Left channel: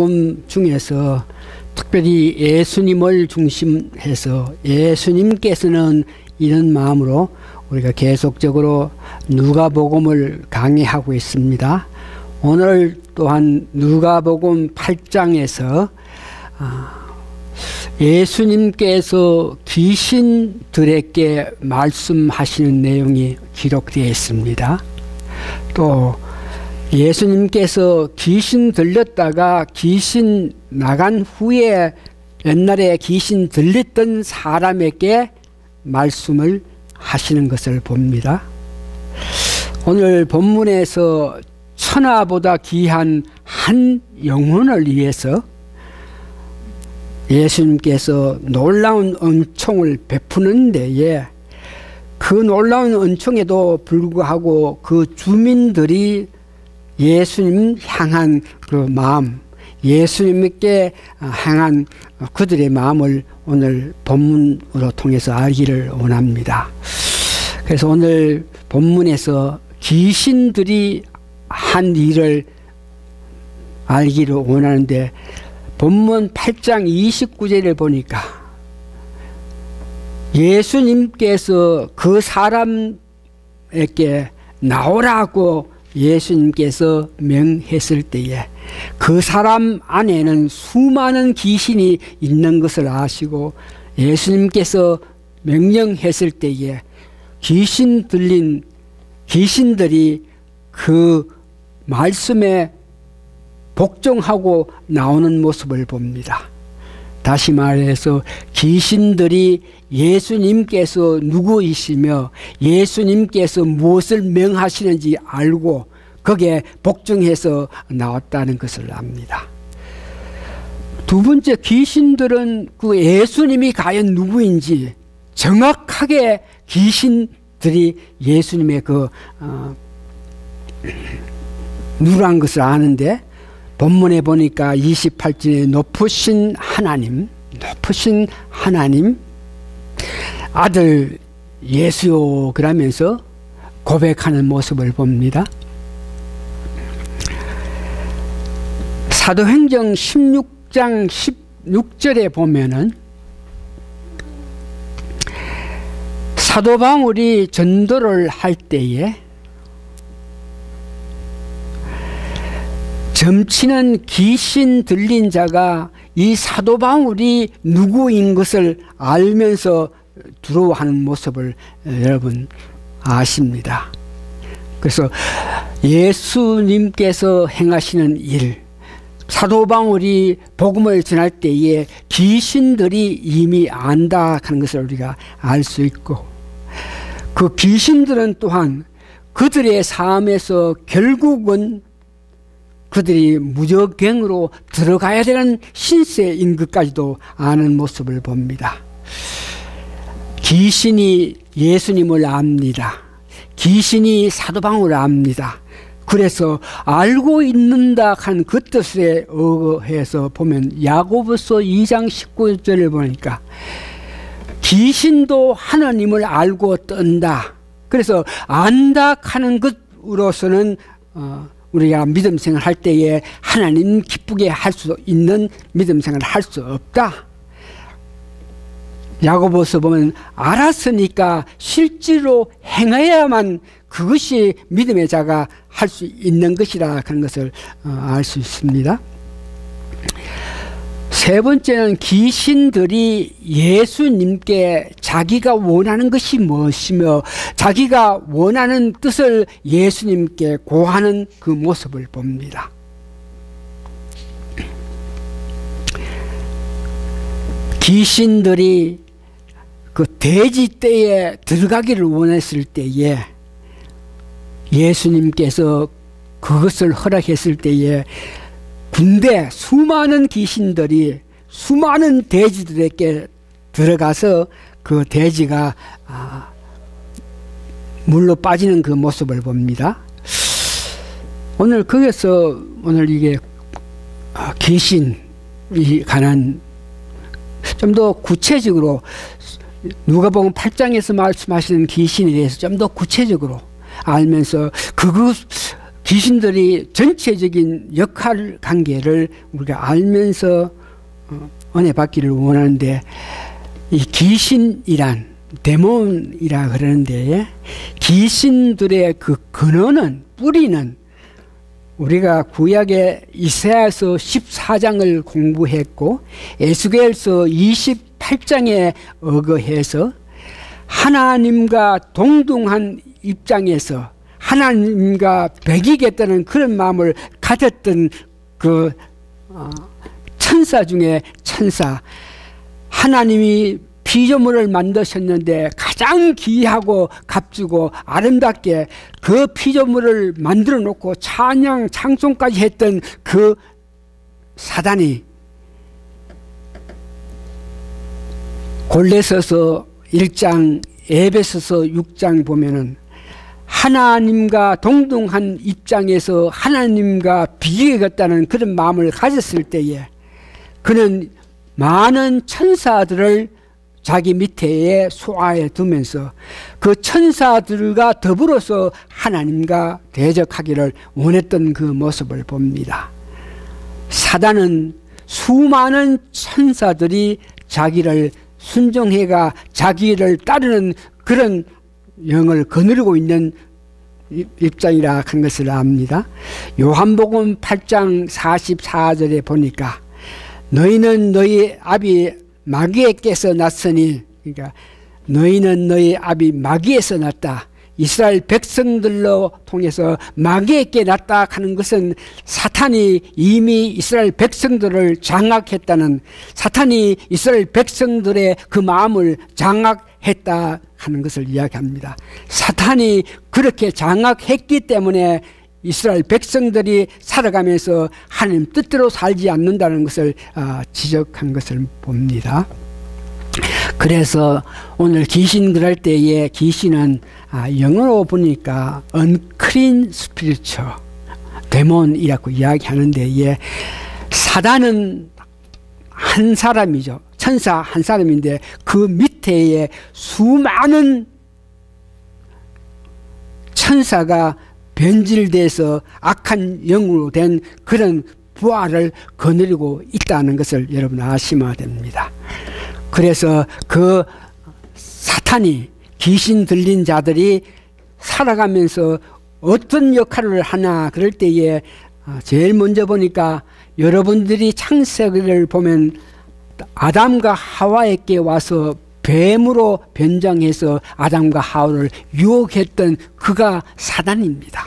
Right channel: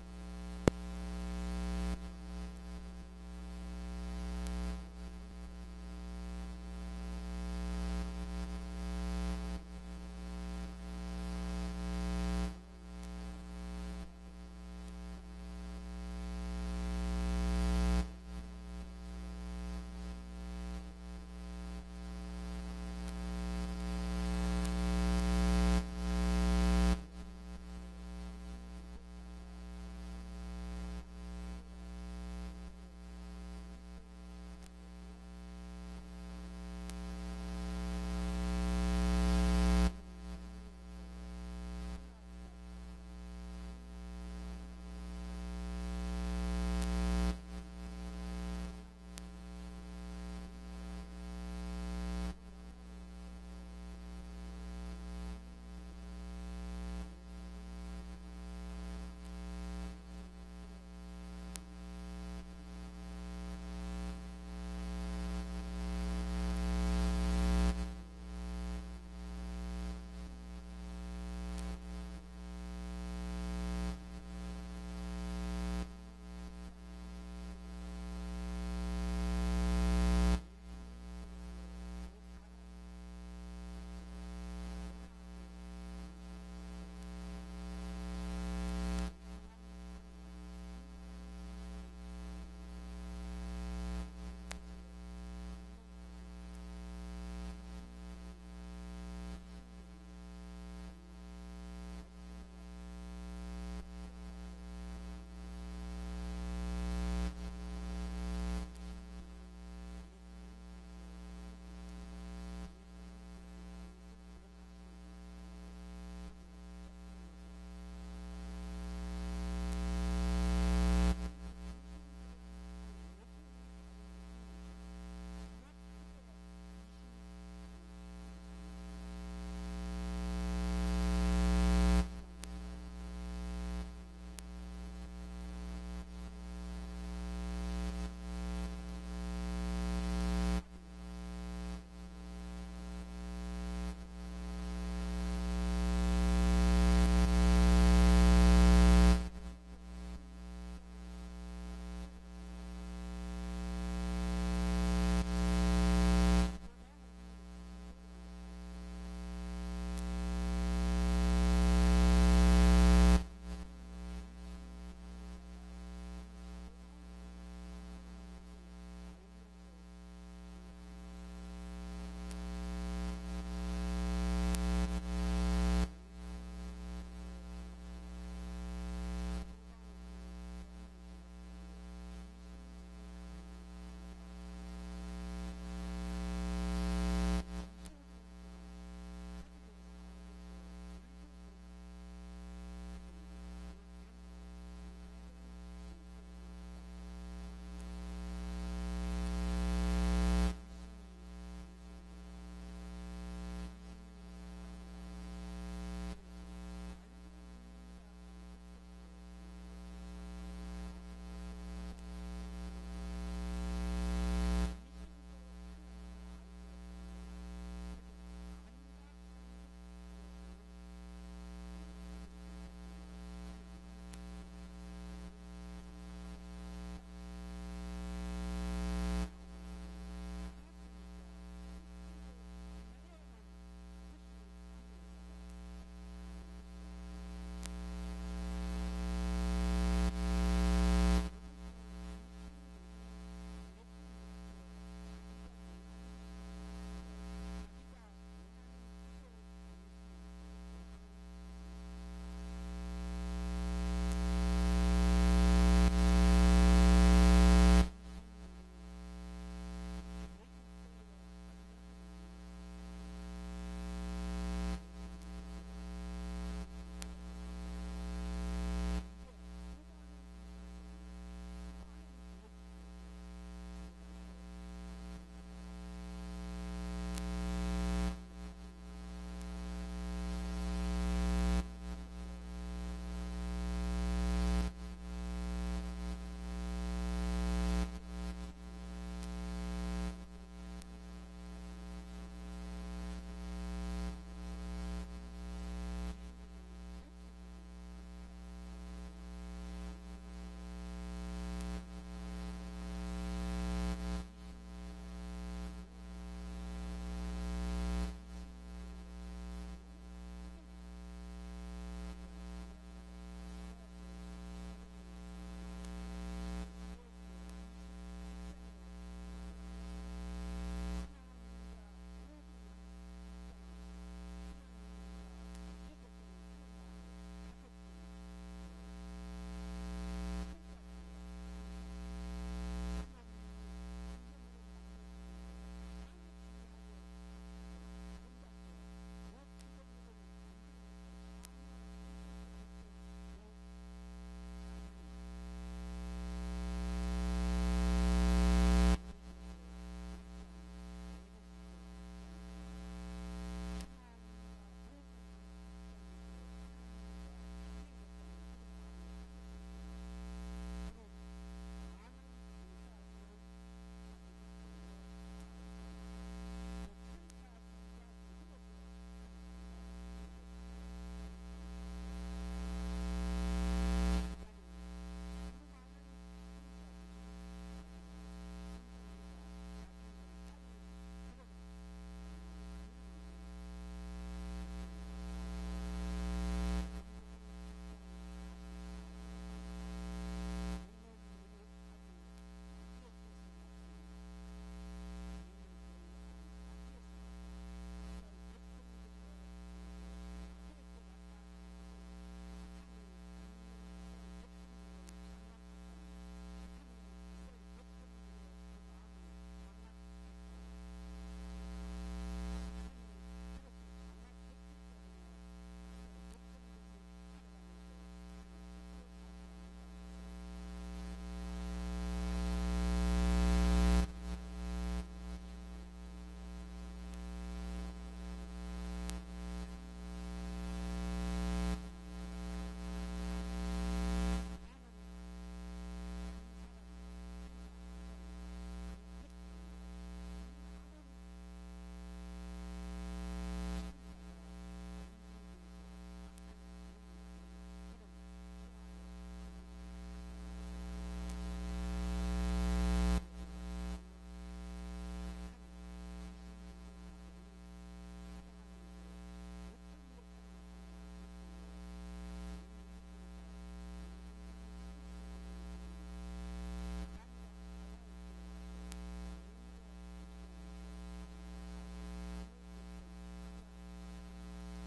복음 중에서 특별히 예수님을 중심해서 예수님께서는 이런 마음으로 우리가 계속적으로 누가복음을 강의하고 있습니다. 오늘 또한 누가복음 8장에서 예수님께서 귀신들에게 말씀하시는 내용이 기록되어 있습니다. 또 예수님께서 귀신 들렸다가 귀신 나간 후에 옛날에 귀신 들렸던 사람에게 말씀을 하시는 것을 봅니다. 오늘 본문에서 천하보다 귀한 한 영혼을 위해서 예수님께서 놀라운 은총을 베푸는 데에 그 놀라운 은총에도 불구하고 그 주민들이 예수님 향한 그 마음, 예수님께 향한 그들의 마음을 오늘 본문으로 통해서 알기를 원합니다. 그래서 오늘 본문에서 귀신들이 한 일을 알기를 원하는데 본문 8장 29절을 보니까 예수님께서 그 사람에게 나오라고 예수님께서 명했을 때에 그 사람 안에는 수많은 귀신이 있는 것을 아시고 예수님께서 명령했을 때에 귀신 들린 귀신들이 그 말씀에 복종하고 나오는 모습을 봅니다. 다시 말해서 귀신들이 예수님께서 누구이시며 예수님께서 무엇을 명하시는지 알고 거기에 복종해서 나왔다는 것을 압니다. 두 번째, 귀신들은 그 예수님이 과연 누구인지 정확하게 귀신들이 예수님의 그 누구란 것을 아는데 본문에 보니까 28절에 높으신 하나님 아들 예수요 그러면서 고백하는 모습을 봅니다. 사도행전 16장 16절에 보면은 사도 바울이 전도를 할 때에 점치는 귀신 들린 자가 이 사도 바울이 누구인 것을 알면서 두려워하는 모습을 여러분 아십니다. 그래서 예수님께서 행하시는 일, 사도 바울이 복음을 전할 때에 귀신들이 이미 안다 하는 것을 우리가 알 수 있고 그 귀신들은 또한 그들의 삶에서 결국은 그들이 무적행으로 들어가야 되는 신세인 것까지도 아는 모습을 봅니다. 귀신이 예수님을 압니다. 귀신이 사도 바울을 압니다. 그래서 알고 있는다 한 그 뜻에 의해서 보면 야고보서 2장 19절을 보니까 귀신도 하나님을 알고 떤다. 그래서 안다 하는 것으로서는 우리가 믿음 생활 할 때에 하나님 기쁘게 할 수 있는 믿음 생활을 할 수 없다. 야고보서 보면 알았으니까 실제로 행해야만 그것이 믿음의 자가 할 수 있는 것이라 하는 것을 알 수 있습니다. 세 번째는 귀신들이 예수님께 자기가 원하는 것이 무엇이며 자기가 원하는 뜻을 예수님께 고하는 그 모습을 봅니다. 귀신들이 그 돼지떼에 들어가기를 원했을 때에 예수님께서 그것을 허락했을 때에 군대 수많은 귀신들이 수많은 돼지들에게 들어가서 그 돼지가 물로 빠지는 그 모습을 봅니다. 오늘 거기서 오늘 이게 귀신이 관한 좀 더 구체적으로 누가복음 8장에서 말씀하시는 귀신에 대해서 좀 더 구체적으로 알면서 그것 귀신들이 전체적인 역할 관계를 우리가 알면서 은혜 받기를 원하는데, 이 귀신이란 데몬이라 그러는데, 귀신들의 그 근원은, 뿌리는 우리가 구약의 이사야서 14장을 공부했고 에스겔서 28장에 의거해서 하나님과 동등한 입장에서 하나님과 배기겠다는 그런 마음을 가졌던 그 천사 중에 천사, 하나님이 피조물을 만드셨는데 가장 귀하고 값지고 아름답게 그 피조물을 만들어 놓고 찬양 찬송까지 했던 그 사단이 골레서서 1장, 에베소서 6장 보면은 하나님과 동등한 입장에서 하나님과 비교하겠다는 그런 마음을 가졌을 때에 그는 많은 천사들을 자기 밑에 소화해 두면서 그 천사들과 더불어서 하나님과 대적하기를 원했던 그 모습을 봅니다. 사단은 수많은 천사들이 자기를 순종해가 자기를 따르는 그런 영을 거느리고 있는 입장이라 한 것을 압니다. 요한복음 8장 44절에 보니까 너희는 너희 아비 마귀에게서 났으니, 그러니까 너희는 너희 아비 마귀에서 났다. 이스라엘 백성들로 통해서 마귀에게 났다 하는 것은 사탄이 이미 이스라엘 백성들을 장악했다는, 사탄이 이스라엘 백성들의 그 마음을 장악했다 하는 것을 이야기합니다. 사탄이 그렇게 장악했기 때문에 이스라엘 백성들이 살아가면서 하나님 뜻대로 살지 않는다는 것을 지적한 것을 봅니다. 그래서 오늘 귀신 그럴 때에 귀신은 영어로 보니까 unclean spiritual, 데몬이라고 이야기하는데, 사단은 한 사람이죠. 천사 한 사람인데 그 밑에 수많은 천사가 변질돼서 악한 영으로 된 그런 부활을 거느리고 있다는 것을 여러분 아시면 됩니다. 그래서 그 사탄이, 귀신 들린 자들이 살아가면서 어떤 역할을 하나 그럴 때에 제일 먼저 보니까 여러분들이 창세기를 보면 아담과 하와에게 와서 뱀으로 변장해서 아담과 하와를 유혹했던 그가 사단입니다.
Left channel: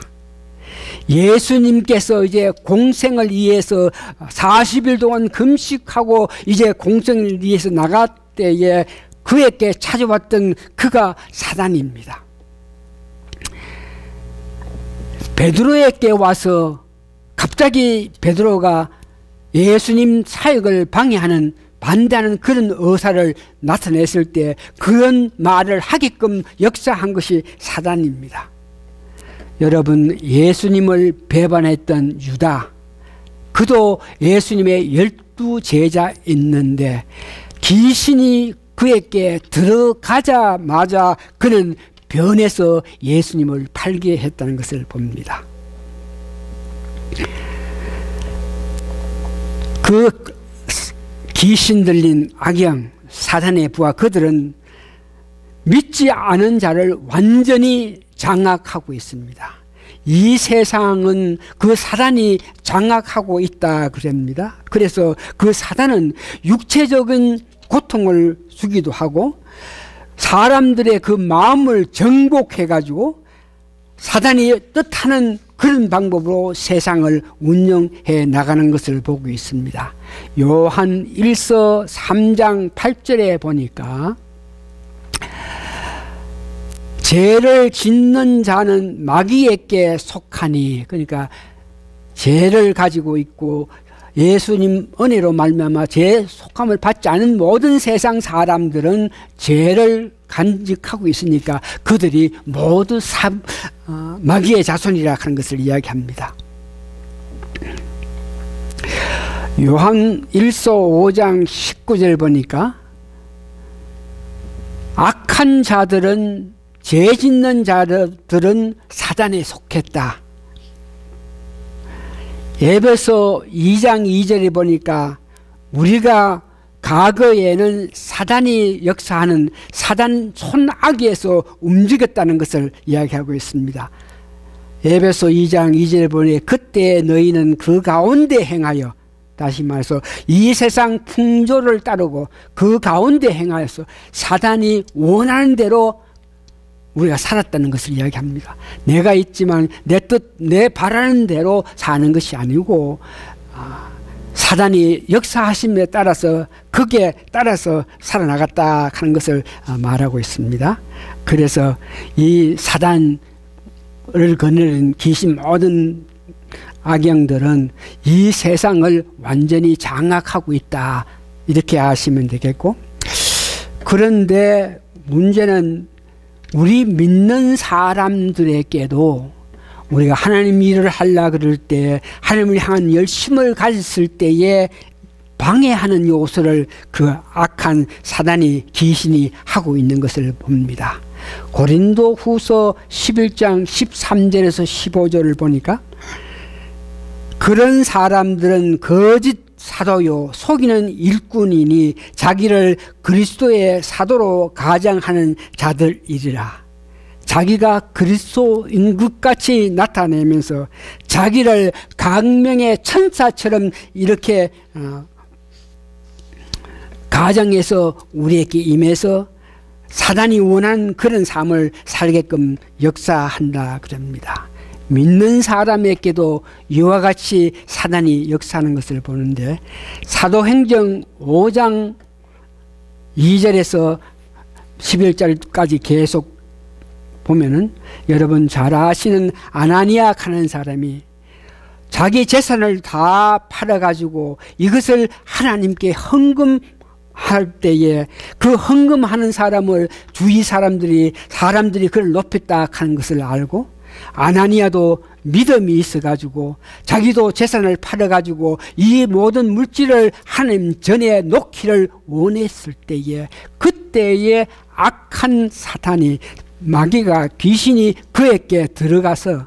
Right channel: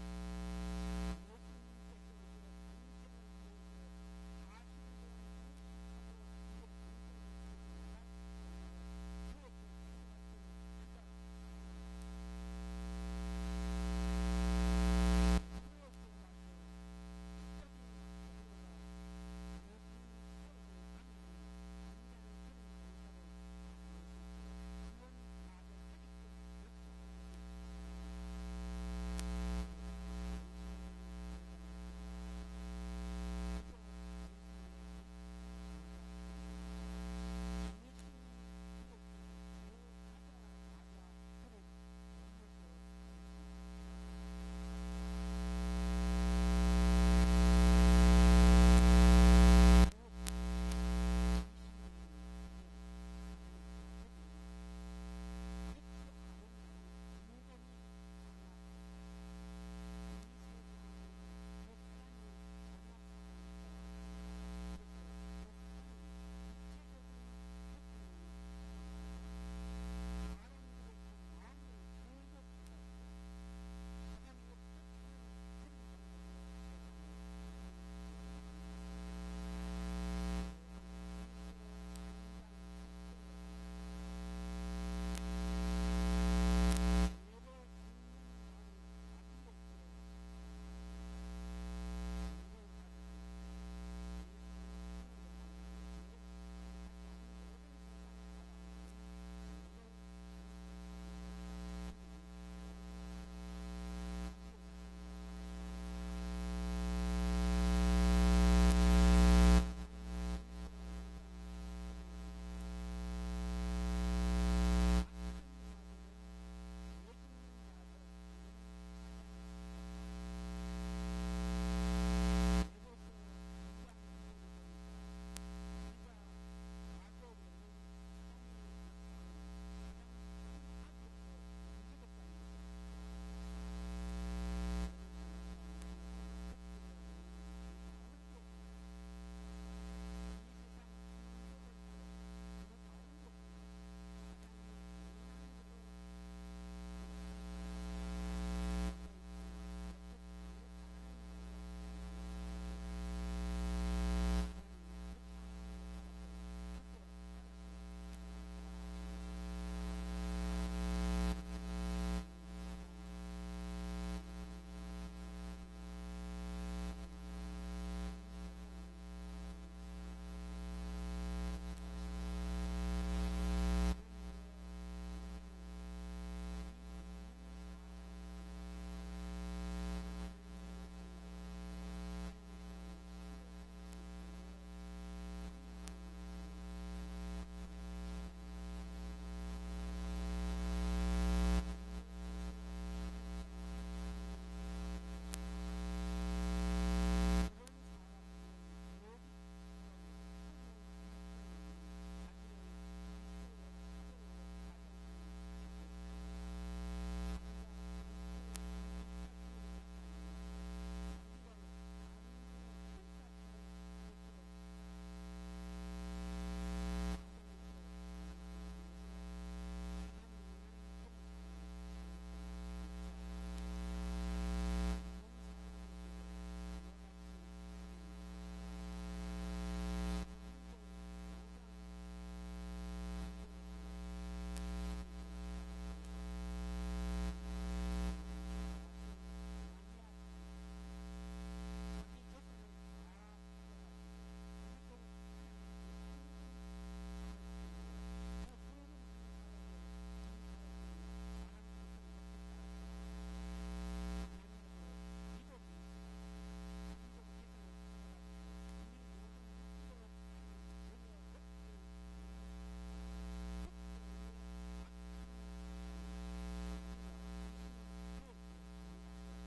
예수님께서 이제 공생을 위해서 40일 동안 금식하고 이제 공생을 위해서 나갈 때에 그에게 찾아왔던 그가 사단입니다. 베드로에게 와서 갑자기 베드로가 예수님 사역을 방해하는, 반대하는 그런 의사를 나타냈을 때 그런 말을 하게끔 역사한 것이 사단입니다. 여러분, 예수님을 배반했던 유다, 그도 예수님의 12제자였는데 귀신이 그에게 들어가자마자 그는 변해서 예수님을 팔게 했다는 것을 봅니다. 그 귀신 들린 악영, 사단의 부하, 그들은 믿지 않은 자를 완전히 장악하고 있습니다. 이 세상은 그 사단이 장악하고 있다 그럽니다. 그래서 그 사단은 육체적인 고통을 주기도 하고 사람들의 그 마음을 정복해가지고 사단이 뜻하는 그런 방법으로 세상을 운영해 나가는 것을 보고 있습니다. 요한 1서 3장 8절에 보니까 죄를 짓는 자는 마귀에게 속하니, 그러니까 죄를 가지고 있고 예수님 은혜로 말미암아 죄 속함을 받지 않은 모든 세상 사람들은 죄를 간직하고 있으니까 그들이 모두 마귀의 자손이라 하는 것을 이야기합니다. 요한 1서 5장 19절 보니까 악한 자들은, 죄 짓는 자들은 사단에 속했다. 에베소 2장 2절에 보니까 우리가 과거에는 사단이 역사하는 사단 손아귀에서 움직였다는 것을 이야기하고 있습니다. 에베소 2장 2절에 보니 그때 너희는 그 가운데 행하여, 다시 말해서 이 세상 풍조를 따르고 그 가운데 행하여서 사단이 원하는 대로 우리가 살았다는 것을 이야기합니다. 내가 있지만 내 뜻, 내 바라는 대로 사는 것이 아니고 사단이 역사하심에 따라서 거기에 따라서 살아나갔다 하는 것을 말하고 있습니다. 그래서 이 사단을 거느린 귀신 모든 악영들은 이 세상을 완전히 장악하고 있다, 이렇게 아시면 되겠고, 그런데 문제는 우리 믿는 사람들에게도 우리가 하나님 일을 하려 그럴 때, 하나님을 향한 열심을 가졌을 때에 방해하는 요소를 그 악한 사단이, 귀신이 하고 있는 것을 봅니다. 고린도 후서 11장 13절에서 15절을 보니까 그런 사람들은 거짓 사도요 속이는 일꾼이니 자기를 그리스도의 사도로 가장하는 자들이리라. 자기가 그리스도인 것 같이 나타내면서 자기를 강명의 천사처럼 이렇게 가정에서 우리에게 임해서 사단이 원하는 그런 삶을 살게끔 역사한다 그럽니다. 믿는 사람에게도 이와 같이 사단이 역사하는 것을 보는데, 사도행전 5장 2절에서 11절까지 계속 보면은 여러분 잘 아시는 아나니아 하는 사람이 자기 재산을 다 팔아가지고 이것을 하나님께 헌금할 때에 그 헌금하는 사람을 주위 사람들이 그를 높였다 하는 것을 알고, 아나니아도 믿음이 있어가지고 자기도 재산을 팔아가지고 이 모든 물질을 하나님 전에 놓기를 원했을 때에, 그때에 악한 사탄이, 마귀가, 귀신이 그에게 들어가서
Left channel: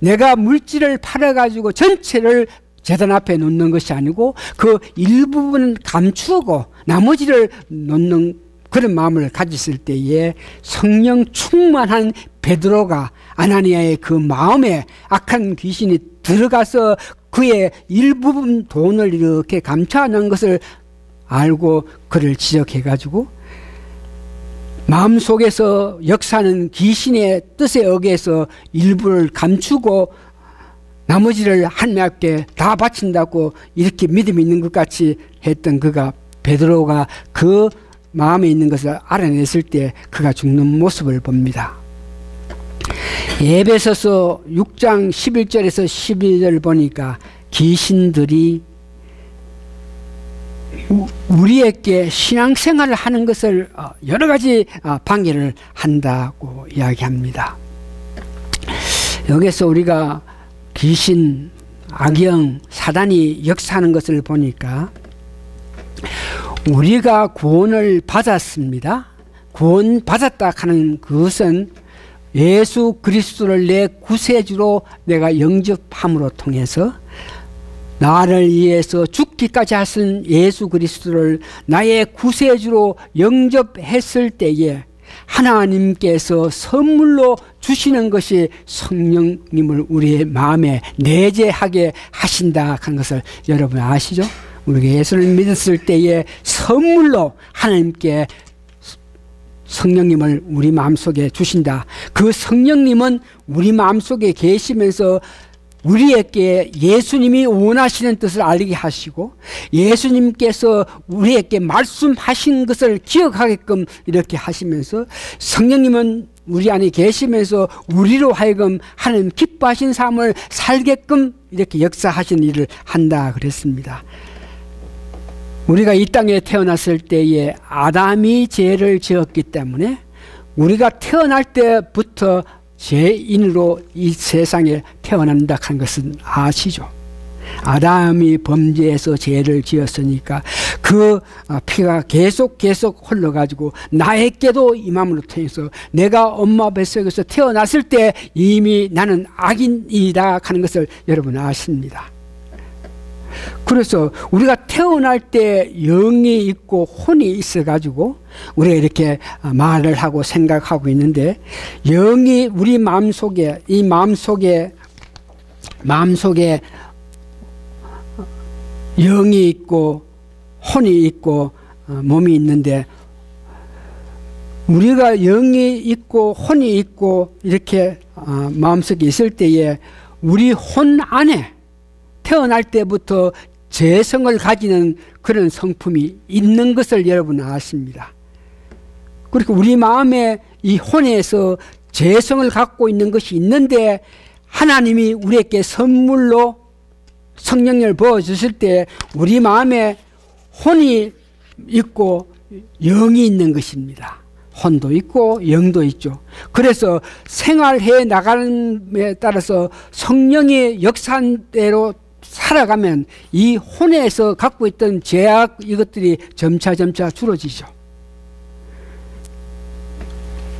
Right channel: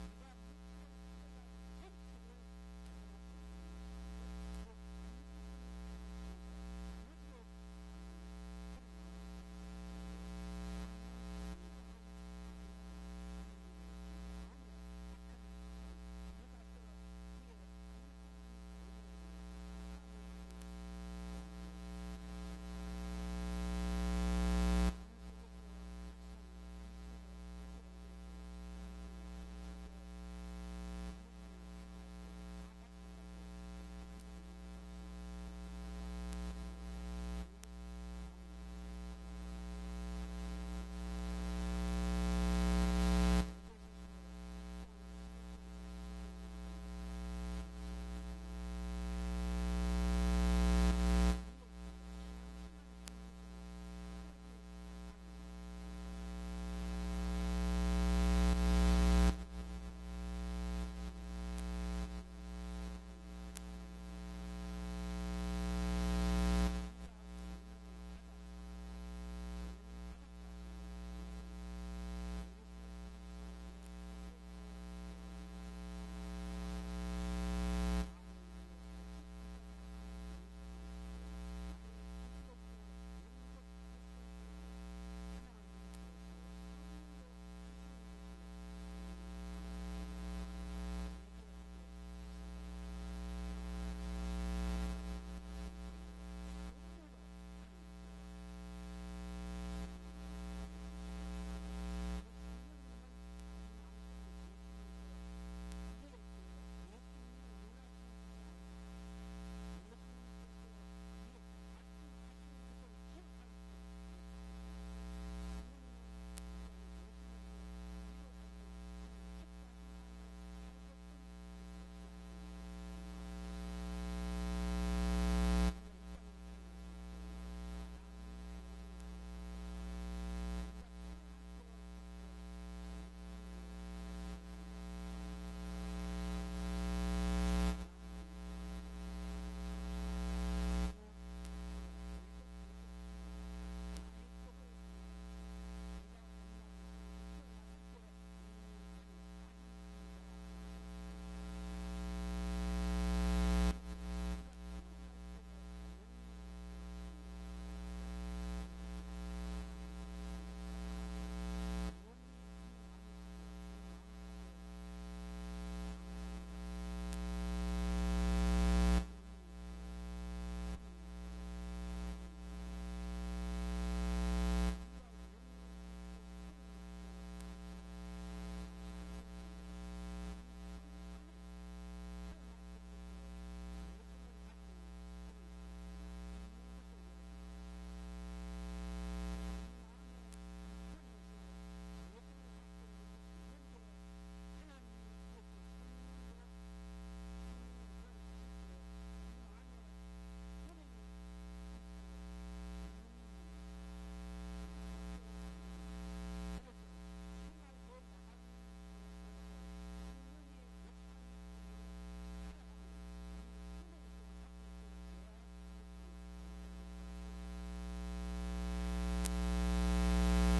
내가 물질을 팔아가지고 전체를 제단 앞에 놓는 것이 아니고 그 일부분은 감추고 나머지를 놓는 그런 마음을 가졌을 때에 성령 충만한 베드로가 아나니아의 그 마음에 악한 귀신이 들어가서 그의 일부분 돈을 이렇게 감춰놓은 것을 알고 그를 지적해가지고 마음속에서 역사하는 귀신의 뜻에 의해서 일부를 감추고 나머지를 하나님께 다 바친다고 이렇게 믿음이 있는 것 같이 했던 그가, 베드로가 그 마음에 있는 것을 알아냈을 때 그가 죽는 모습을 봅니다. 에베소서 6장 11절에서 12절 보니까 귀신들이 우리에게 신앙생활을 하는 것을 여러 가지 방해를 한다고 이야기합니다. 여기서 우리가 귀신, 악영, 사단이 역사하는 것을 보니까 우리가 구원을 받았습니다. 구원받았다 하는 그것은 예수 그리스도를 내 구세주로 내가 영접함으로 통해서 나를 위해서 죽기까지 하신 예수 그리스도를 나의 구세주로 영접했을 때에 하나님께서 선물로 주시는 것이 성령님을 우리의 마음에 내재하게 하신다 하는 것을 여러분 아시죠? 우리가 예수를 믿었을 때에 선물로 하나님께 성령님을 우리 마음속에 주신다. 그 성령님은 우리 마음속에 계시면서 우리에게 예수님이 원하시는 뜻을 알게 하시고 예수님께서 우리에게 말씀하신 것을 기억하게끔 이렇게 하시면서 성령님은 우리 안에 계시면서 우리로 하여금 하나님 기뻐하신 삶을 살게끔 이렇게 역사하신 일을 한다 그랬습니다. 우리가 이 땅에 태어났을 때에 아담이 죄를 지었기 때문에 우리가 태어날 때부터 죄인으로 이 세상에 태어난다 하는 것은 아시죠? 아담이 범죄해서 죄를 지었으니까 그 피가 계속 흘러가지고 나에게도 임함으로 통해서 내가 엄마 뱃속에서 태어났을 때 이미 나는 악인이다 하는 것을 여러분 아십니다. 그래서 우리가 태어날 때 영이 있고 혼이 있어가지고 우리가 이렇게 말을 하고 생각하고 있는데, 영이 우리 마음속에, 이 마음속에 영이 있고 혼이 있고 몸이 있는데, 우리가 영이 있고 혼이 있고 이렇게 마음속에 있을 때에 우리 혼 안에 태어날 때부터 재성을 가지는 그런 성품이 있는 것을 여러분 아십니다. 그리고 우리 마음에 이 혼에서 재성을 갖고 있는 것이 있는데, 하나님이 우리에게 선물로 성령을 부어주실 때 우리 마음에 혼이 있고 영이 있는 것입니다. 혼도 있고 영도 있죠. 그래서 생활해 나가는 데 따라서 성령의 역사대로 살아가면 이 혼에서 갖고 있던 죄악, 이것들이 점차 줄어지죠.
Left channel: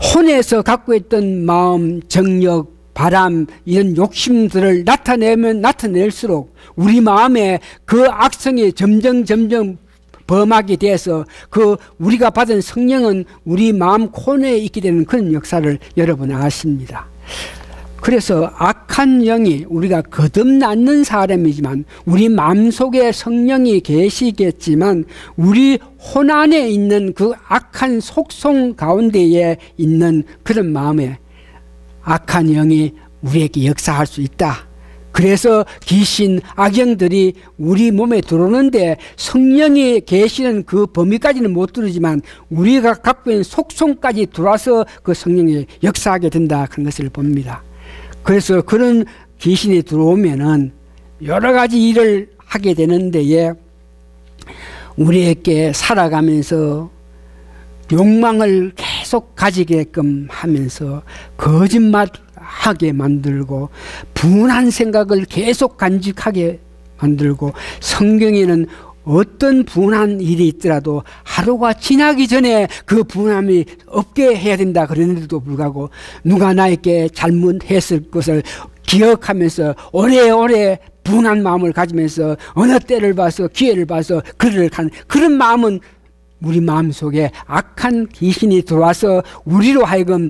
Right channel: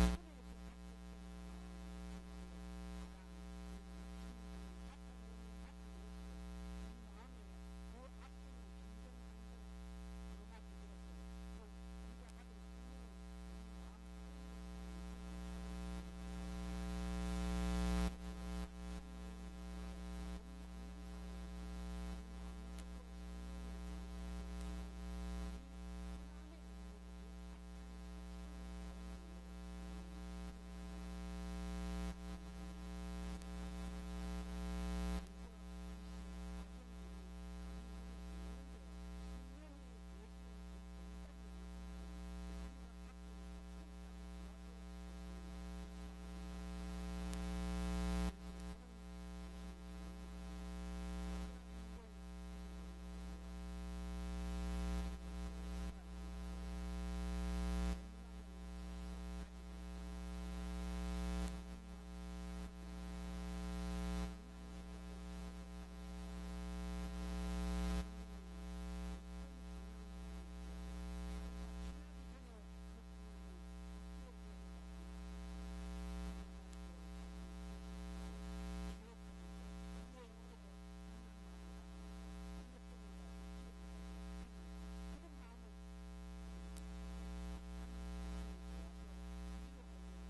혼에서 갖고 있던 마음, 정력, 바람, 이런 욕심들을 나타낼수록 우리 마음에 그 악성이 점점 범하게 돼서 우리가 받은 성령은 우리 마음 코너에 있게 되는 그런 역사를 여러분 아십니다. 그래서 악한 영이, 우리가 거듭났는 사람이지만 우리 마음속에 성령이 계시겠지만 우리 혼 안에 있는 그 악한 속성 가운데에 있는 그런 마음에 악한 영이 우리에게 역사할 수 있다. 그래서 귀신, 악영들이 우리 몸에 들어오는데 성령이 계시는 그 범위까지는 못 들어오지만 우리가 갖고 있는 속성까지 들어와서 그 성령이 역사하게 된다, 그런 것을 봅니다. 그래서 그런 귀신이 들어오면은 여러 가지 일을 하게 되는데, 우리에게 살아가면서 욕망을 계속 가지게끔 하면서 거짓말하게 만들고 분한 생각을 계속 간직하게 만들고, 성경에는 어떤 분한 일이 있더라도 하루가 지나기 전에 그 분함이 없게 해야 된다 그랬는데도 불구하고 누가 나에게 잘못했을 것을 기억하면서 오래오래 분한 마음을 가지면서 어느 때를 봐서 기회를 봐서 그런 마음은 우리 마음속에 악한 귀신이 들어와서 우리로 하여금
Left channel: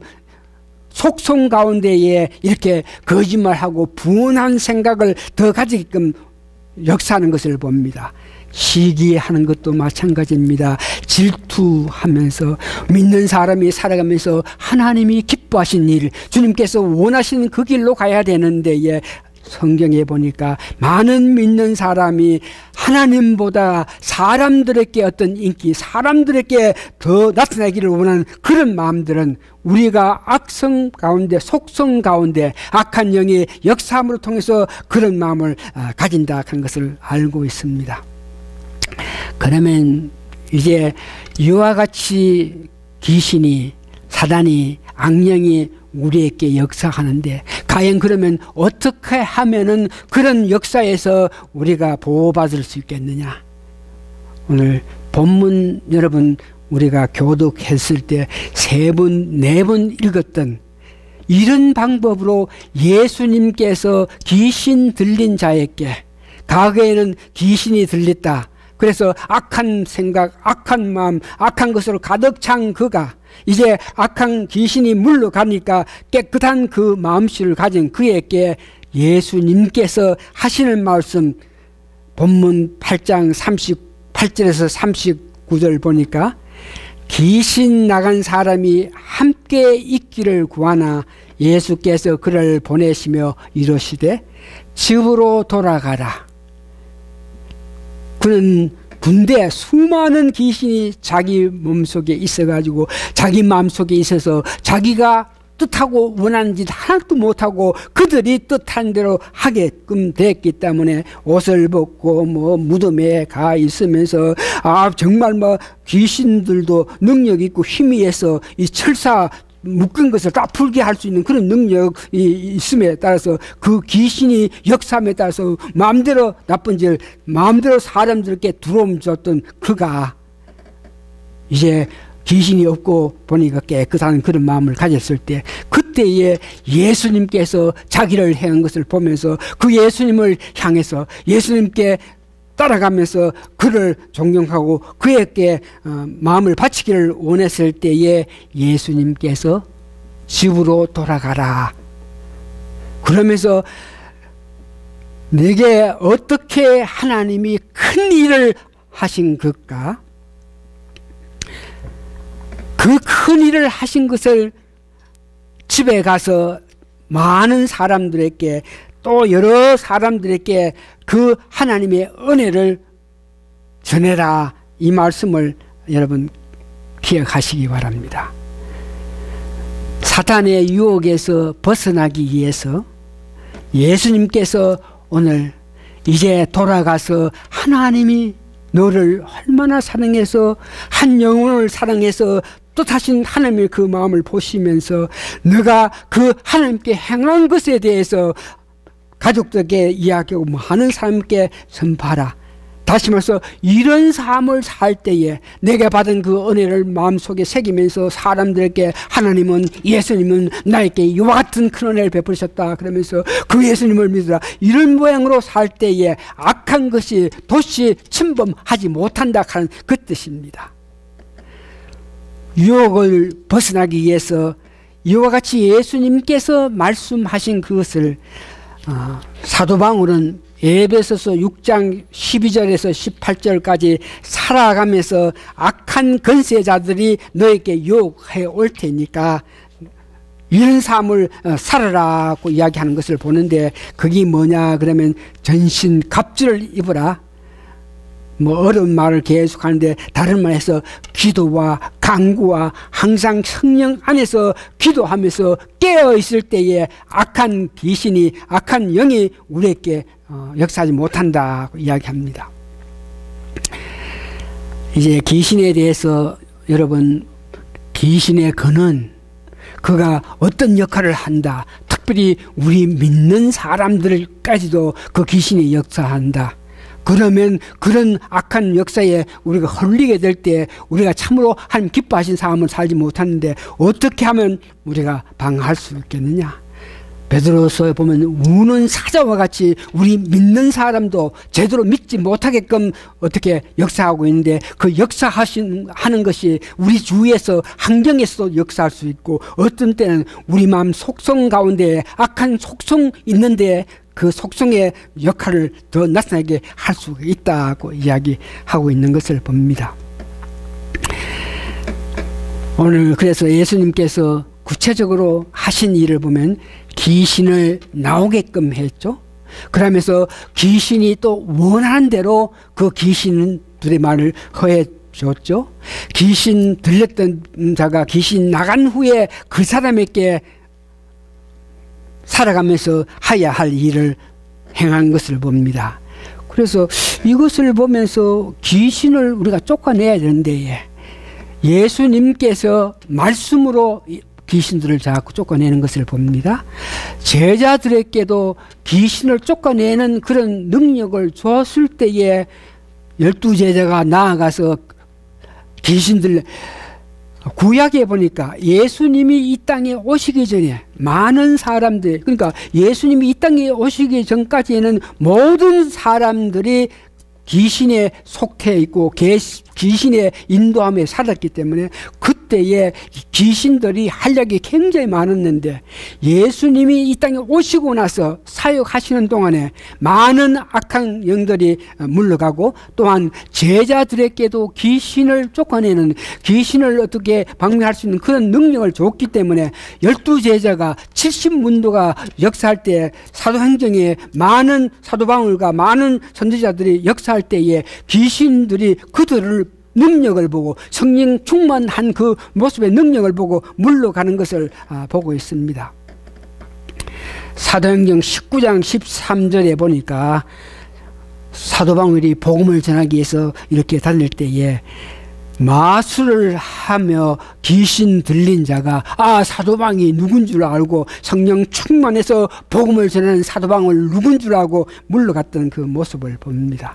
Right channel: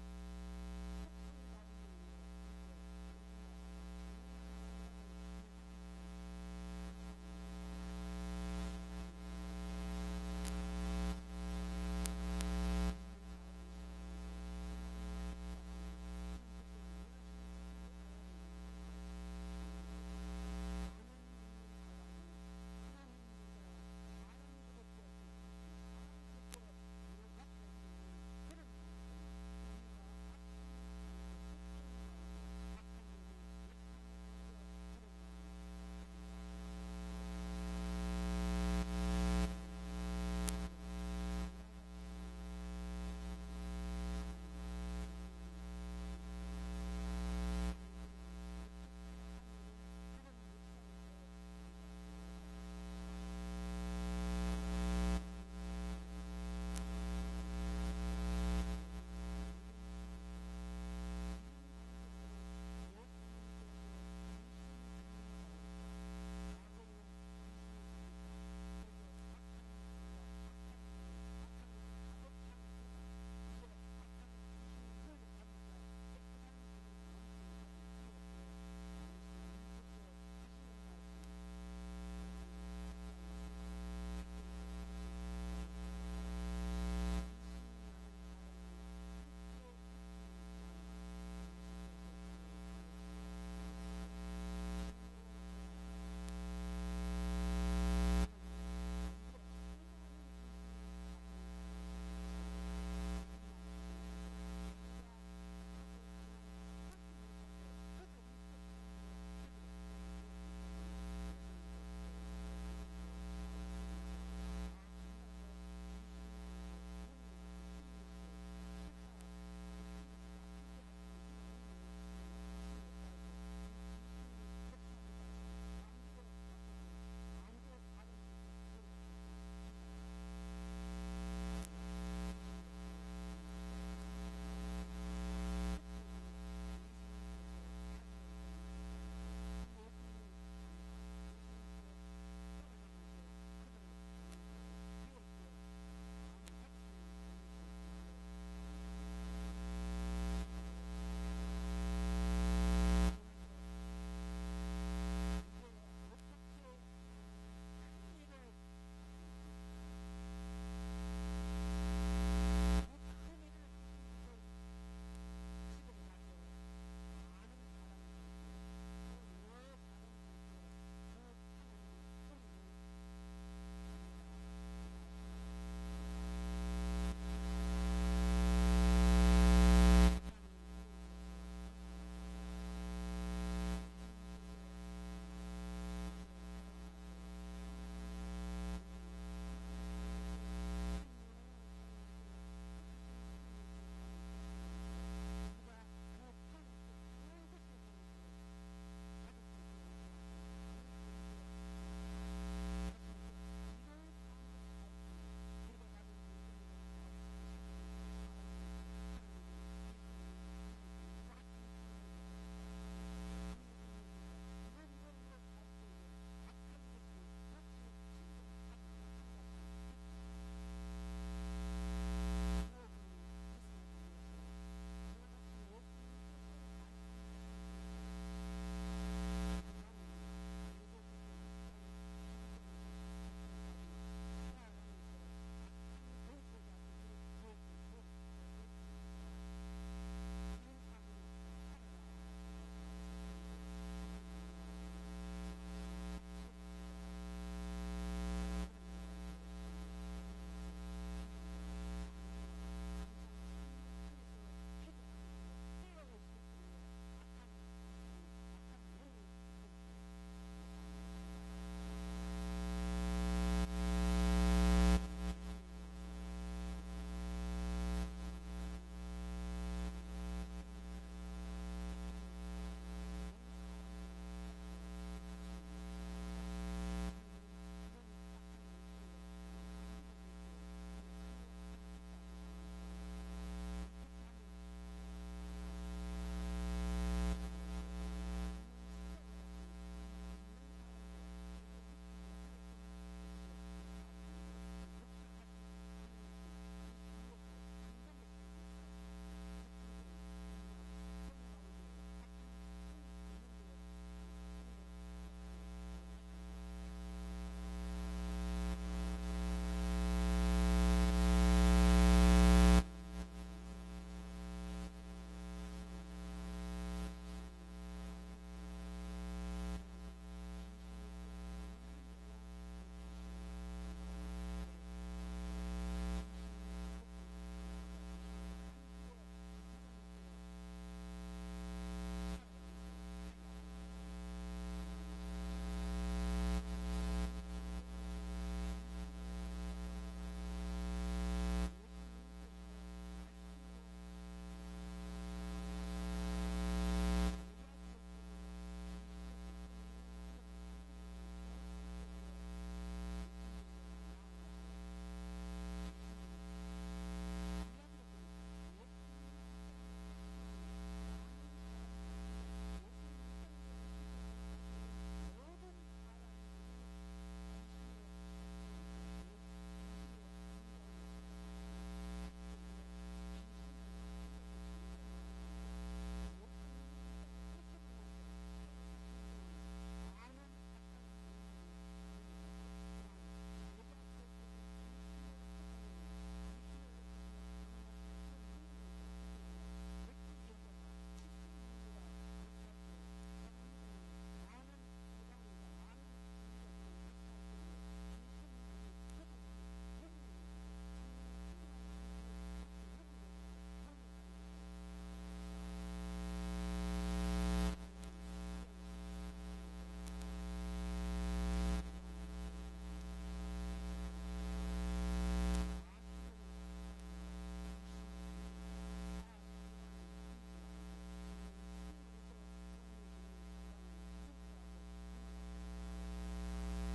속성 가운데에 이렇게 거짓말하고 분한 생각을 더 가지게끔 역사하는 것을 봅니다. 시기하는 것도 마찬가지입니다. 질투하면서 믿는 사람이 살아가면서 하나님이 기뻐하신 일, 주님께서 원하시는 그 길로 가야 되는데, 성경에 보니까 많은 믿는 사람이 하나님보다 사람들에게 어떤 인기, 사람들에게 더 나타나기를 원하는 그런 마음들은 우리가 악성 가운데, 속성 가운데 악한 영의 역사함으로 통해서 그런 마음을 가진다 하는 것을 알고 있습니다. 그러면 이제 이와 같이 귀신이, 사단이, 악령이 우리에게 역사하는데, 과연 그러면 어떻게 하면은 그런 역사에서 우리가 보호받을 수 있겠느냐? 오늘 본문 여러분 우리가 교독했을 때 3번, 4번 읽었던 이런 방법으로 예수님께서 귀신 들린 자에게, 과거에는 귀신이 들렸다, 그래서 악한 생각, 악한 마음, 악한 것으로 가득 찬 그가 이제 악한 귀신이 물러가니까 깨끗한 그 마음씨를 가진 그에게 예수님께서 하시는 말씀, 본문 8장 38절에서 39절 보니까 귀신 나간 사람이 함께 있기를 구하나 예수께서 그를 보내시며 이르시되 집으로 돌아가라. 그는 군대 수많은 귀신이 자기 몸속에 있어가지고 자기 마음속에 있어서 자기가 뜻하고 원하는 짓 하나도 못하고 그들이 뜻한 대로 하게끔 됐기 때문에 옷을 벗고 무덤에 가 있으면서 정말 귀신들도 능력 있고 힘이 있어 이 철사 묶은 것을 다 풀게 할 수 있는 그런 능력이 있음에 따라서 그 귀신이 역사함에 따라서 마음대로 나쁜 짓을 마음대로 사람들께 두려움 줬던 그가 이제 귀신이 없고 보니까 깨끗한 그런 마음을 가졌을 때, 그때에 예수님께서 자기를 행한 것을 보면서 그 예수님을 향해서 예수님께 따라가면서 그를 존경하고 그에게 마음을 바치기를 원했을 때에 예수님께서 집으로 돌아가라. 그러면서 내게 어떻게 하나님이 큰 일을 하신 것까? 그 큰 일을 하신 것을 집에 가서 많은 사람들에게 또 여러 사람들에게 그 하나님의 은혜를 전해라. 이 말씀을 여러분 기억하시기 바랍니다. 사탄의 유혹에서 벗어나기 위해서 예수님께서 오늘 이제 돌아가서 하나님이 너를 얼마나 사랑해서 한 영혼을 사랑해서 또 다시 하나님의 그 마음을 보시면서 너가 그 하나님께 행한 것에 대해서 가족들에게 이야기하고 많은 사람께 전파하라. 다시 말해서 이런 삶을 살 때에 내가 받은 그 은혜를 마음속에 새기면서 사람들에게 하나님은 예수님은 나에게 이와 같은 큰 은혜를 베푸셨다 그러면서 그 예수님을 믿으라. 이런 모양으로 살 때에 악한 것이 도시 침범하지 못한다 하는 그 뜻입니다. 유혹을 벗어나기 위해서 이와 같이 예수님께서 말씀하신 그것을 사도 바울은 에베소서 6장 12절에서 18절까지 살아가면서 악한 권세자들이 너에게 유혹해 올 테니까 이런 삶을 살아라고 이야기하는 것을 보는데 그게 뭐냐 그러면 전신 갑주를 입으라. 뭐 어려운 말을 계속하는데 다른 말에서 기도와 간구와 항상 성령 안에서 기도하면서 깨어 있을 때에 악한 귀신이 악한 영이 우리에게 역사하지 못한다고 이야기합니다. 이제 귀신에 대해서 여러분 귀신의 근원 그가 어떤 역할을 한다. 특별히 우리 믿는 사람들까지도 그 귀신이 역사한다. 그러면 그런 악한 역사에 우리가 홀리게 될 때 우리가 참으로 하나님 기뻐하신 삶을 살지 못하는데 어떻게 하면 우리가 방어할 수 있겠느냐. 베드로서에 보면 우는 사자와 같이 우리 믿는 사람도 제대로 믿지 못하게끔 어떻게 역사하고 있는데 그 역사하는 것이 우리 주위에서 환경에서도 역사할 수 있고 어떤 때는 우리 마음 속성 가운데 악한 속성 있는데 그 속성의 역할을 더 나타나게 할 수 있다고 이야기하고 있는 것을 봅니다. 오늘 그래서 예수님께서 구체적으로 하신 일을 보면 귀신을 나오게끔 했죠. 그러면서 귀신이 또 원하는 대로 그 귀신들의 말을 허해 줬죠. 귀신 들렸던 자가 귀신 나간 후에 그 사람에게 살아가면서 해야 할 일을 행한 것을 봅니다. 그래서 이것을 보면서 귀신을 우리가 쫓아내야 되는데 예수님께서 말씀으로 귀신들을 자꾸 쫓아내는 것을 봅니다. 제자들에게도 귀신을 쫓아내는 그런 능력을 줬을 때에 12제자가 나아가서 귀신들 구약에 보니까 예수님이 이 땅에 오시기 전에 많은 사람들 그러니까 예수님이 이 땅에 오시기 전까지는 모든 사람들이 귀신에 속해 있고 귀신의 인도함에 살았기 때문에 그때에 귀신들이 활약이 굉장히 많았는데 예수님이 이 땅에 오시고 나서 사역하시는 동안에 많은 악한 영들이 물러가고 또한 제자들에게도 귀신을 쫓아내는 귀신을 어떻게 방면할 수 있는 그런 능력을 줬기 때문에 12제자가 70문도가 역사할 때 사도행전에 많은 사도 바울과 많은 선지자들이 역사할 때에 귀신들이 그들을 능력을 보고 성령 충만한 그 모습의 능력을 보고 물러가는 것을 보고 있습니다. 사도행전 19장 13절에 보니까 사도 바울이 복음을 전하기 위해서 이렇게 다닐 때에 마술을 하며 귀신 들린 자가 사도 바울이 누군 줄 알고 성령 충만해서 복음을 전하는 사도 바울 누군 줄 알고 물러갔던 그 모습을 봅니다.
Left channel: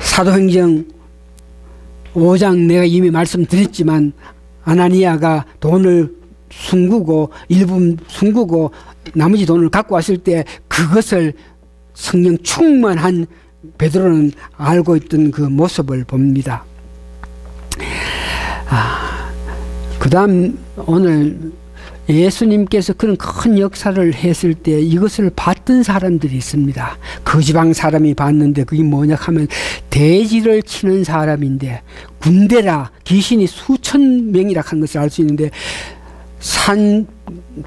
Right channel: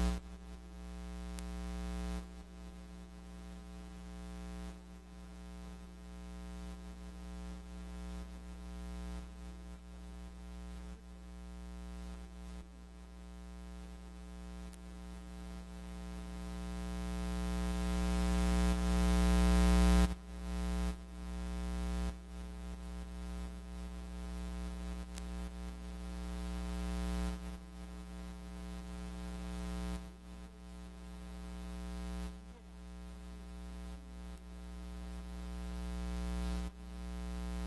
사도행전 5장 내가 이미 말씀드렸지만 아나니아가 돈을 숨기고 일부 숨기고 나머지 돈을 갖고 왔을 때 그것을 성령 충만한 베드로는 알고 있던 그 모습을 봅니다. 그 다음 오늘 예수님께서 그런 큰 역사를 했을 때 이것을 봤던 사람들이 있습니다. 그 지방 사람이 봤는데 그게 뭐냐 하면 돼지를 치는 사람인데, 군대라 귀신이 수천 명이라 한 것을 알 수 있는데, 산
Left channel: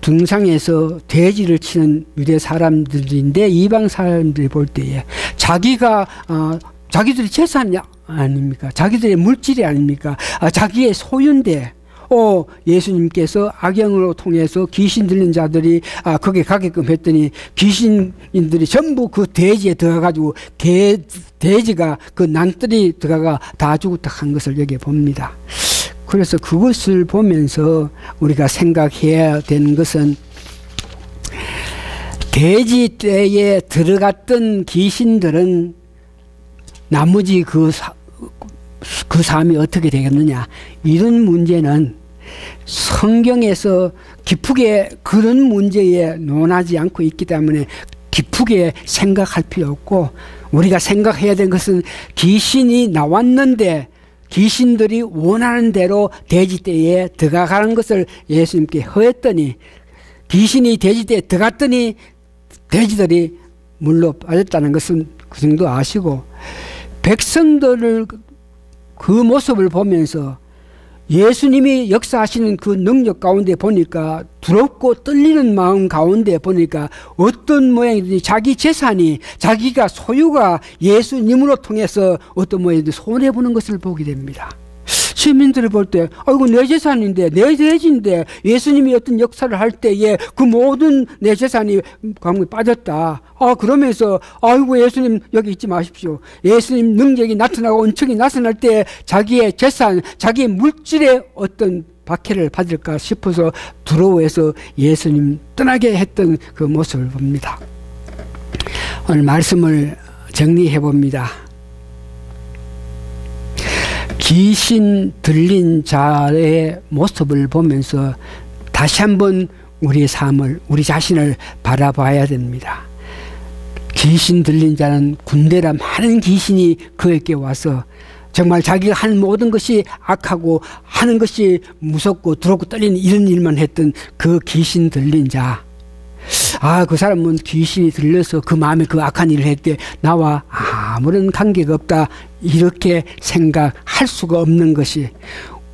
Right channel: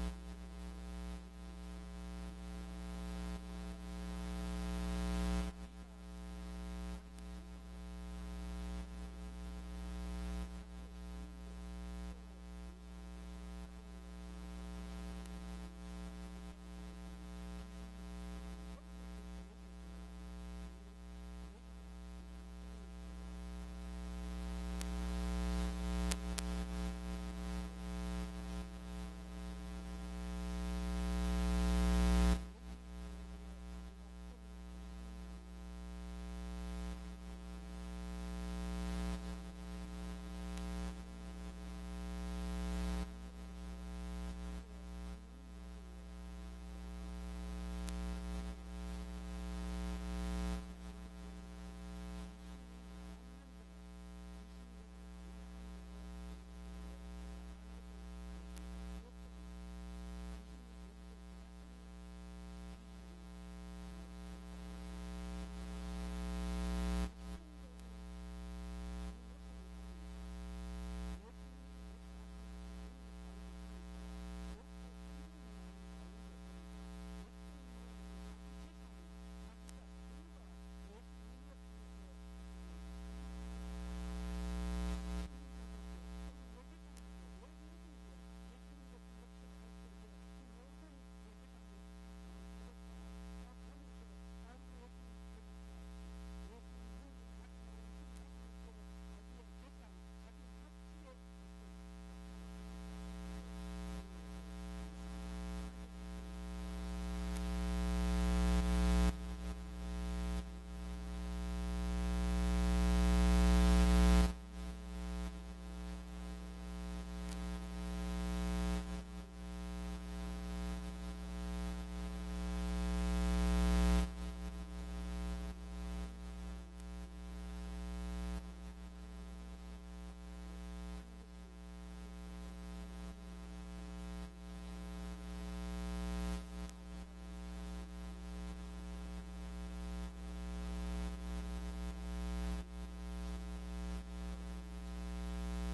등상에서 돼지를 치는 유대 사람들인데 이방 사람들이 볼 때에 자기가 자기들의 재산이 아닙니까? 자기들의 물질이 아닙니까? 자기의 소유인데 예수님께서 악영으로 통해서 귀신 들린 자들이 거기에 가게끔 했더니 귀신인들이 전부 그 돼지에 들어가가지고 돼지가 그 난뜰이 들어가 다 죽었다 한 것을 여기 봅니다. 그래서 그것을 보면서 우리가 생각해야 되는 것은, 돼지 떼에 들어갔던 귀신들은 나머지 그 삶이 어떻게 되겠느냐, 이런 문제는 성경에서 깊게 그런 문제에 논하지 않고 있기 때문에 깊게 생각할 필요 없고, 우리가 생각해야 되는 것은 귀신이 나왔는데 귀신들이 원하는 대로 돼지떼에 들어가는 것을 예수님께 허했더니, 귀신이 돼지떼에 들어갔더니 돼지들이 물로 빠졌다는 것은 그 정도 아시고, 백성들을 그 모습을 보면서 예수님이 역사하시는 그 능력 가운데 보니까, 두렵고 떨리는 마음 가운데 보니까 어떤 모양이든지 자기 재산이, 자기가 소유가 예수님으로 통해서 어떤 모양이든지 손해보는 것을 보게 됩니다. 시민들을 볼 때 아이고 내 재산인데, 내 돼지인데 예수님이 어떤 역사를 할 때에 그 모든 내 재산이 강물에 빠졌다. 그러면서 아이고 예수님 여기 있지 마십시오. 예수님 능력이 나타나고 은총이 나타날 때 자기의 재산, 자기의 물질에 어떤 박해를 받을까 싶어서 두려워해서 예수님 떠나게 했던 그 모습을 봅니다. 오늘 말씀을 정리해 봅니다. 귀신 들린 자의 모습을 보면서 다시 한번 우리의 삶을, 우리 자신을 바라봐야 됩니다. 귀신 들린 자는 군대라 많은 귀신이 그에게 와서 정말 자기가 하는 모든 것이 악하고 하는 것이 무섭고 두렵고 떨리는 이런 일만 했던 그 귀신 들린 자, 그 사람은 귀신이 들려서 그 마음에 그 악한 일을 했대, 나와 아무런 관계가 없다, 이렇게 생각할 수가 없는 것이,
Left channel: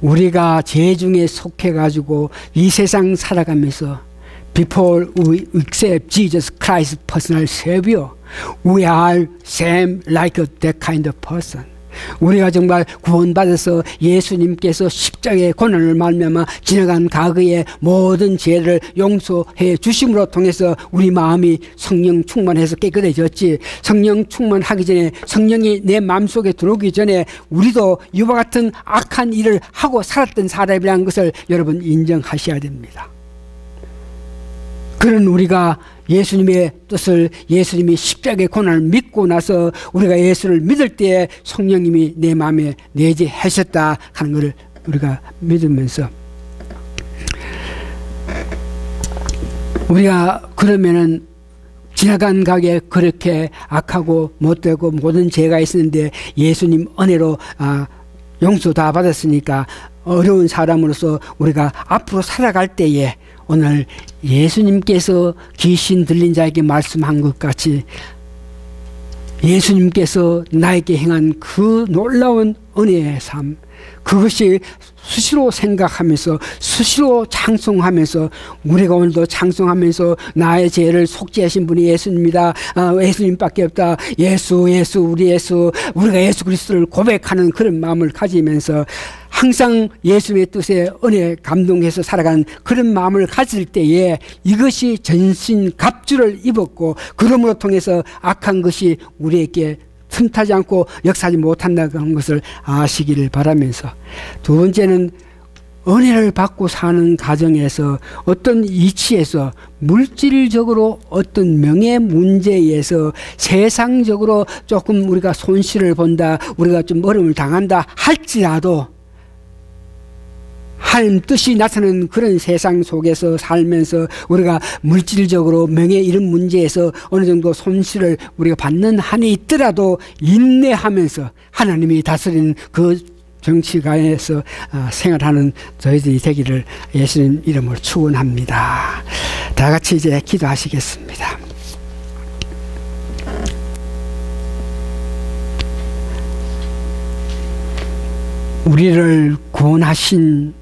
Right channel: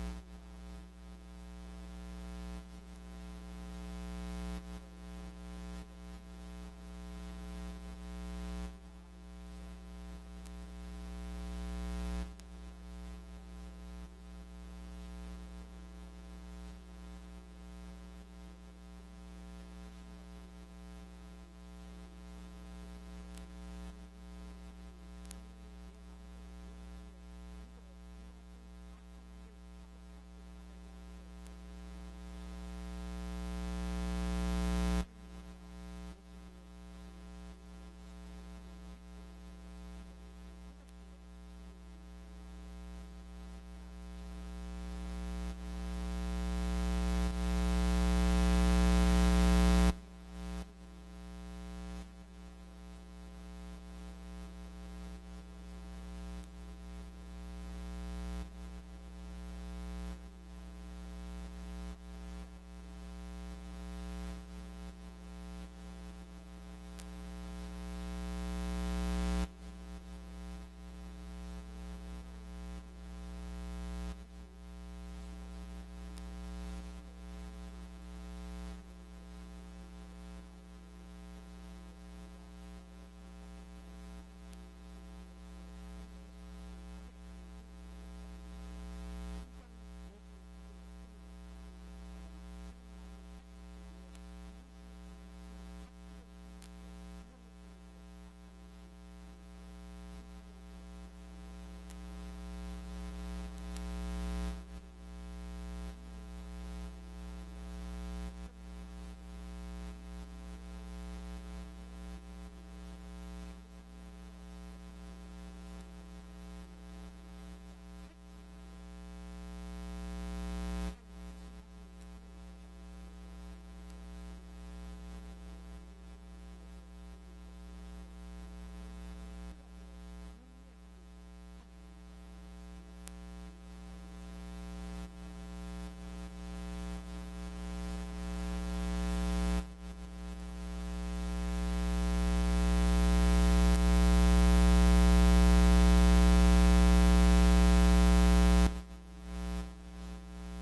우리가 죄중에 속해가지고 이 세상 살아가면서 Before we accept Jesus Christ personal Savior, we are same like that kind of person. 우리가 정말 구원받아서 예수님께서 십자가의 고난을 말미암아 지나간 과거의 모든 죄를 용서해 주심으로 통해서 우리 마음이 성령 충만해서 깨끗해졌지, 성령 충만하기 전에, 성령이 내 마음속에 들어오기 전에 우리도 이와 같은 악한 일을 하고 살았던 사람이라는 것을 여러분 인정하셔야 됩니다. 그런 우리가 예수님의 뜻을, 예수님이 십자가의 고난을 믿고 나서 우리가 예수를 믿을 때에 성령님이 내 마음에 내재하셨다 하는 것을 우리가 믿으면서, 우리가 그러면은 지나간 가게 그렇게 악하고 못되고 모든 죄가 있었는데 예수님 은혜로 용서 다 받았으니까 어려운 사람으로서 우리가 앞으로 살아갈 때에 오늘 예수님께서 귀신 들린 자에게 말씀한 것 같이 예수님께서 나에게 행한 그 놀라운 은혜의 삶, 그것이 수시로 생각하면서 수시로 찬송하면서, 우리가 오늘도 찬송하면서 나의 죄를 속죄하신 분이 예수님이다, 예수님밖에 없다, 예수 예수 우리 예수, 우리가 예수 그리스도를 고백하는 그런 마음을 가지면서 항상 예수의 뜻에 은혜 감동해서 살아가는 그런 마음을 가질 때에 이것이 전신 갑주를 입었고, 그러므로 통해서 악한 것이 우리에게 틈타지 않고 역사하지 못한다는 것을 아시기를 바라면서, 두 번째는 은혜를 받고 사는 가정에서 어떤 이치에서 물질적으로 어떤 명예 문제에서 세상적으로 조금 우리가 손실을 본다, 우리가 좀 어려움을 당한다 할지라도 하나님 뜻이 나타나는 그런 세상 속에서 살면서 우리가 물질적으로 명예 이런 문제에서 어느 정도 손실을 우리가 받는 한이 있더라도 인내하면서 하나님이 다스리는 그 정치가에서 생활하는 저희들이 되기를 예수님 이름으로 축원합니다. 다 같이 이제 기도하시겠습니다. 우리를 구원하신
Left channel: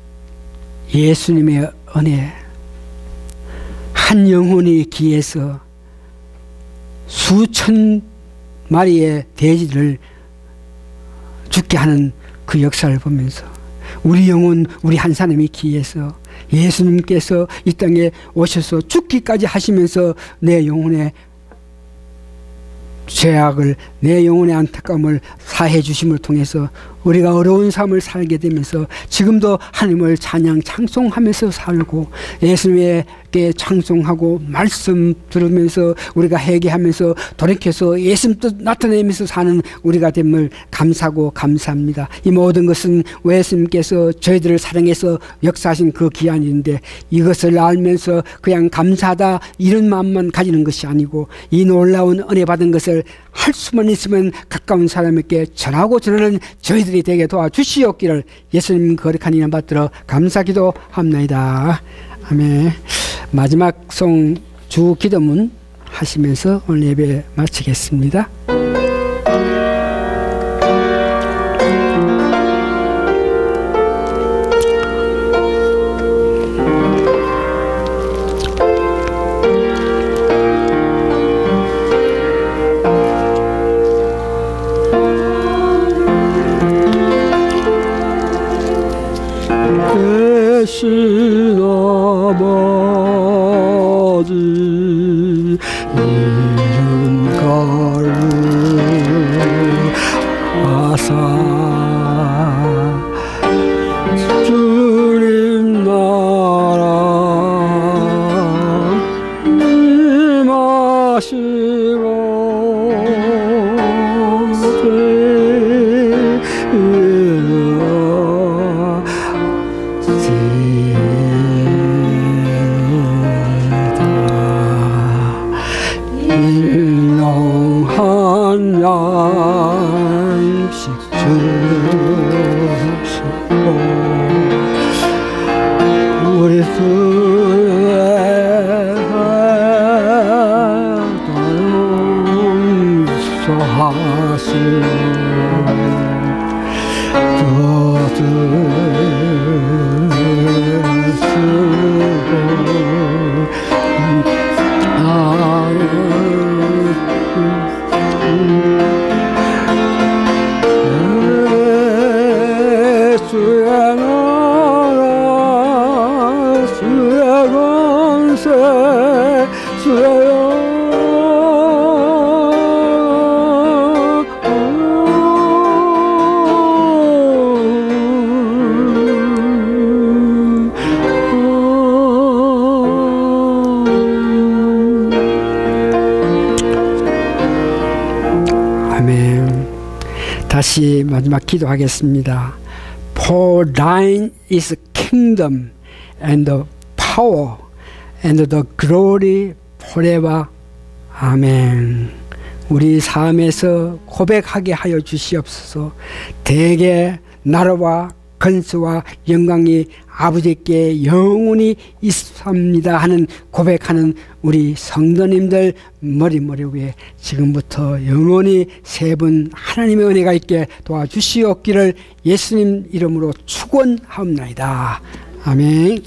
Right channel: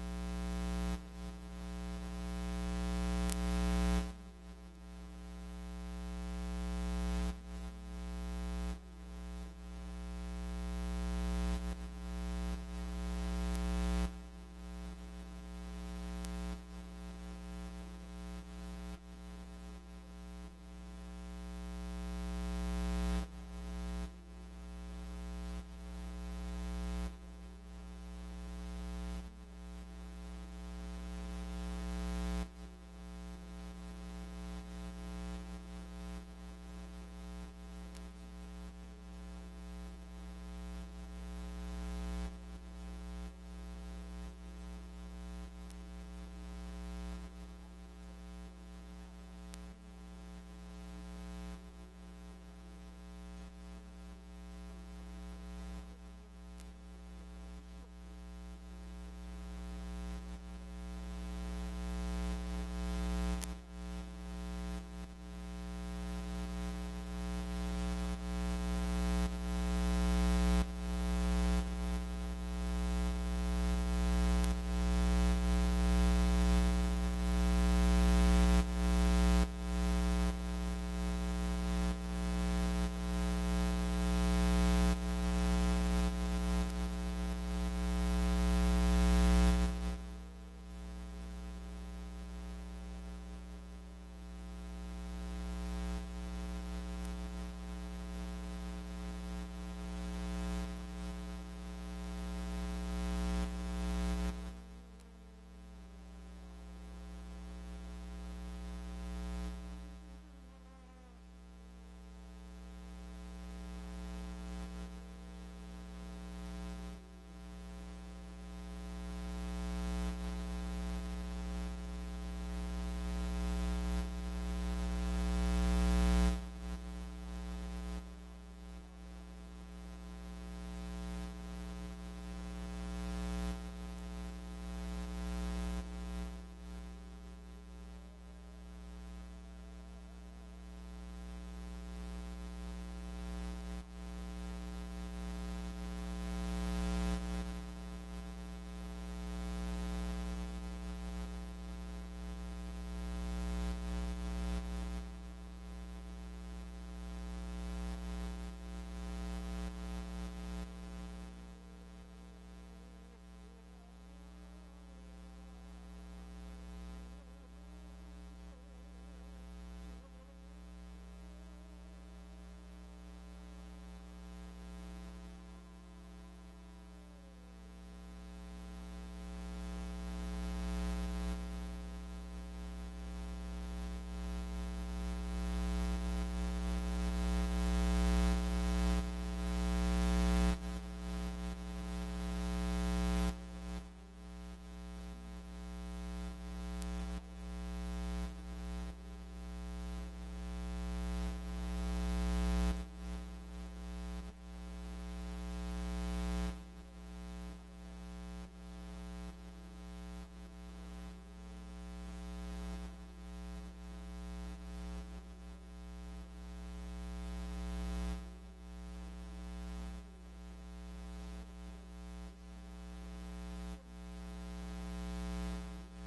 예수님의 은혜, 한 영혼이 귀해서 수천 마리의 돼지를 죽게 하는 그 역사를 보면서 우리 영혼, 우리 한 사람이 귀해서 예수님께서 이 땅에 오셔서 죽기까지 하시면서 내 영혼의 죄악을, 내 영혼의 안타까움을 사해 주심을 통해서 우리가 어려운 삶을 살게 되면서 지금도 하나님을 찬양 찬송하면서 살고 예수님께 찬송하고 말씀 들으면서 우리가 회개하면서 돌이켜서 예수님 뜻 나타내면서 사는 우리가 됨을 감사하고 감사합니다. 이 모든 것은 예수님께서 저희들을 사랑해서 역사하신 그 기한인데 이것을 알면서 그냥 감사하다 이런 마음만 가지는 것이 아니고 이 놀라운 은혜 받은 것을 할 수만 있으면 가까운 사람에게 전하고 전하는 저희들이 되게 도와주시옵기를 예수님 거룩한 이름 받들어 감사기도 합나이다. 아멘. 마지막 송 주 기도문 하시면서 오늘 예배 마치겠습니다. 다시 마지막 기도하겠습니다. For thine is kingdom and the power and the glory forever. 아멘. 우리 삶에서 고백하게 하여 주시옵소서. 대개 나라와 건수와 영광이 아버지께 영원히 있습니다 하는 고백하는 우리 성도님들 머리 위에 지금부터 영원히 세 분 하나님의 은혜가 있게 도와주시옵기를 예수님 이름으로 축원하옵나이다. 아멘.